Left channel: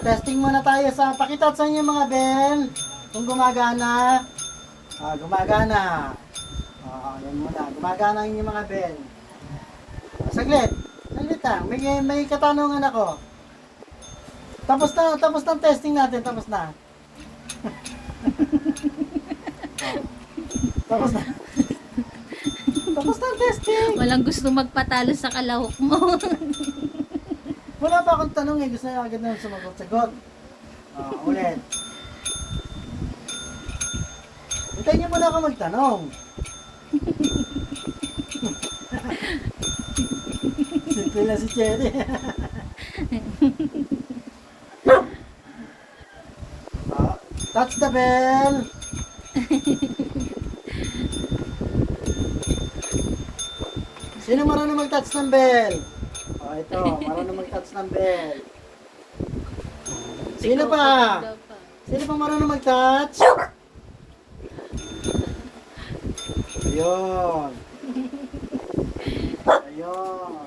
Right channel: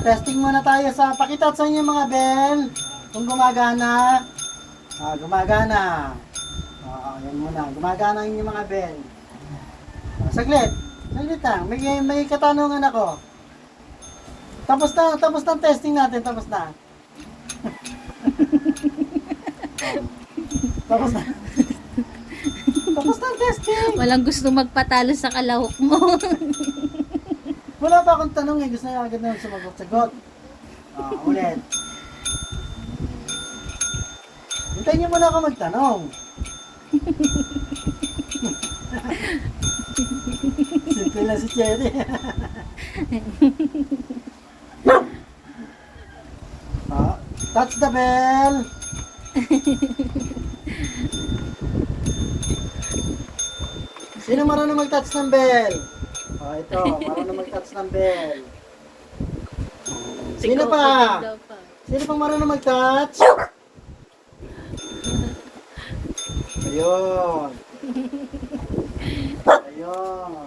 Testing muna tayo sa pakita sa inyo mga bell. Kung gumagana. Gumagana. Yan muna. Gumagana ang inyong mga bell. Saglit. Saglit lang. May katanungan ako. Tapos na ang testing natin. Tapos na. Tapos na. Tapos na ang testing. Walang gusto magpatalo sa kalahok mo. Wala pa akong tanong eh. Gusto niya agad na sumagot-sagot. Ulit. Hintayin niyo muna ako magtanong. Simple na si Cherry. Touch the bell. Sino marunong mag-touch ng bell? Ito, marunong mag-touch ng bell. Sino pa? Sino pa marunong mag-touch? Ayun. Ayun.